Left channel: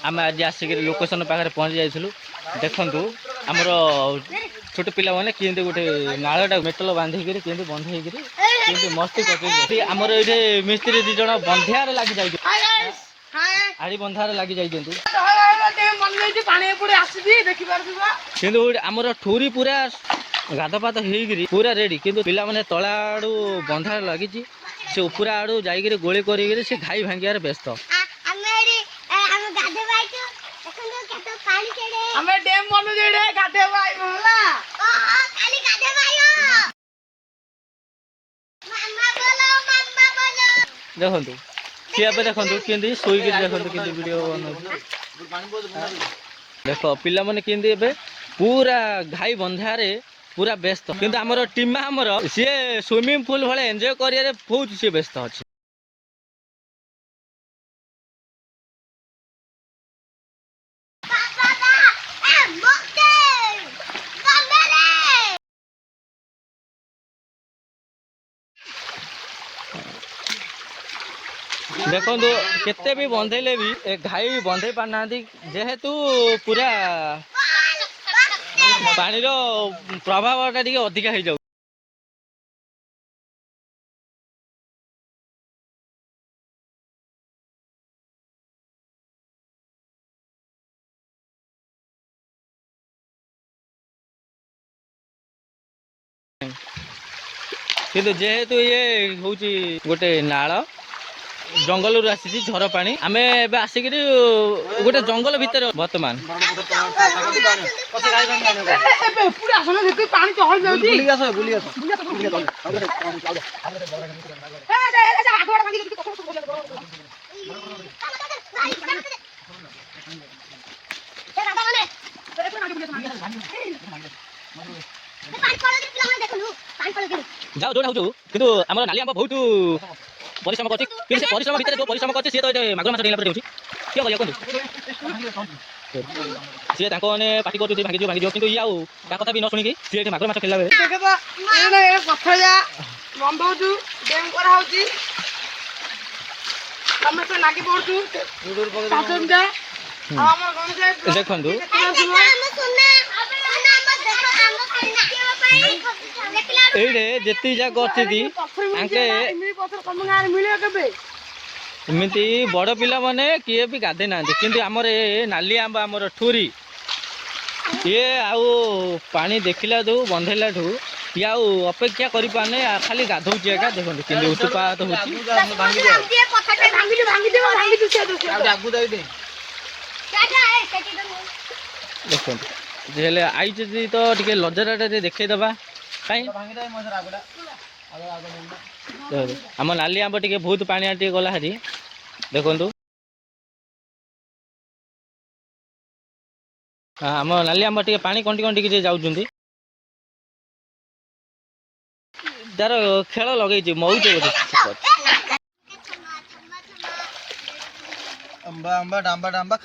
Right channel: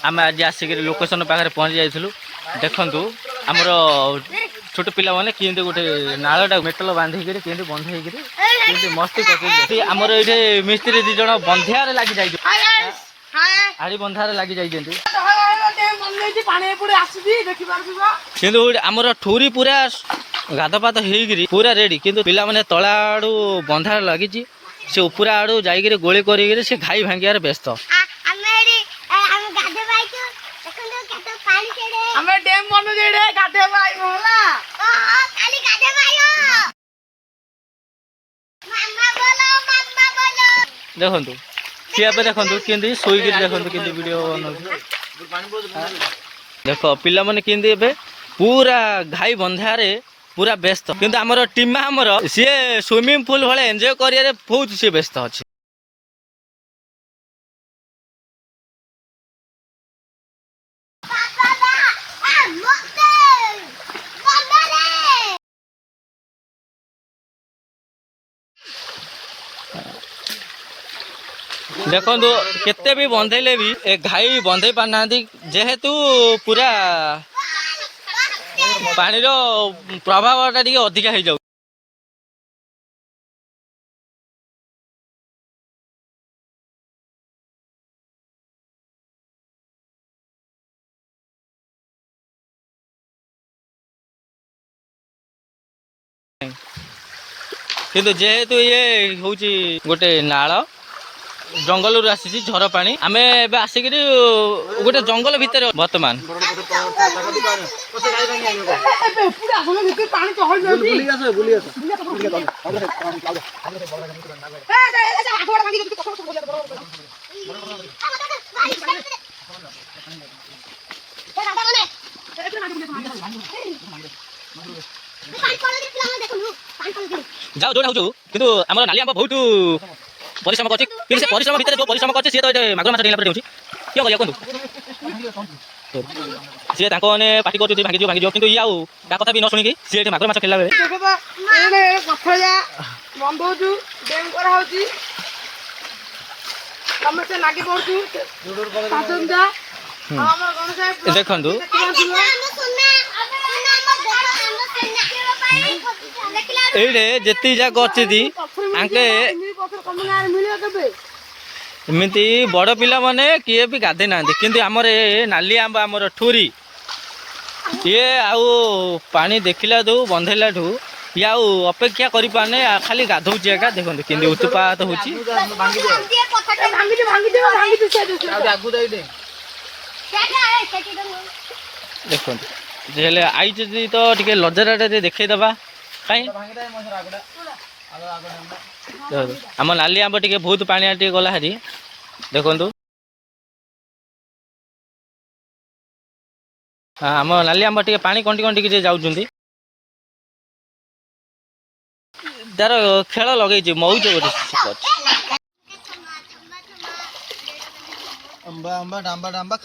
आम आज आसिक लोकेशन पाखे पहुँची जाइलु देखु आमर छोट पिला मैंने केमती गोटे नाड़ा मेटल बांधिक केमती बंधेक केमती मस्ती कर आमर ये मिस्त्री दी जन बंधियार लगी जाइए आड़ी बंधार लगी जाइए आमर ठूरी पूरा गाधपात होगी पूरा रेडी किंतु पिला माने तला आड़ू बंधार लगी से उपरा आड़ू जाइए गोली कर घाई भांगार व्यस्त देखु सी ए देखु कि शोक देखु कि वीडियो देख पिला माने कि पूरा घाई बंधारे पूरा व्यस्त किंतु आमर टीमा आमर सी स्विमिंग पूल भाई एंजॉय कर बहुत सी व्यस्त अच्छे देखो केते भी बंधेले भी ए घाई बंधे पारना जेहेतु पूरा पानी रो प्रभाव टा अधिका हो जाऊ किंतु जेहेतु ये हूँ गोटे नाल जंगल आसी झर पा आम आसिक गोटे जंगल भितर बर्तमान जाओ जो कि आम नाली आम बहुत परिश्रम कर परिश्रम भितर जो परिश्रम कर मागुर माछ डेला क्यों कह सी मैंने पार्टी कर भांगी भांगी कि या कथा भी न शुणिकी सी मागुर माछ खेला देखु ये जी जाक अच्छी एमती बड़ पिला माने किए भी गाधे ना कि आमर नाली आंब आमर ठूरी ये आउ पानी देखला ठू बंधेला ठू ये आउ अपेक्षा करि पाने खाली गाधौची एका देखो कि उत्पात हो देखो आई तो टे लजरा देखा कहीं आम नाली आंब टे बहुत पानी टे गला हारी देखु आम नाली आंब टे पानी कंटी कंटी जाऊँ तार खेल लगे मौज गोटे अंबा अंबा डांबा डांबा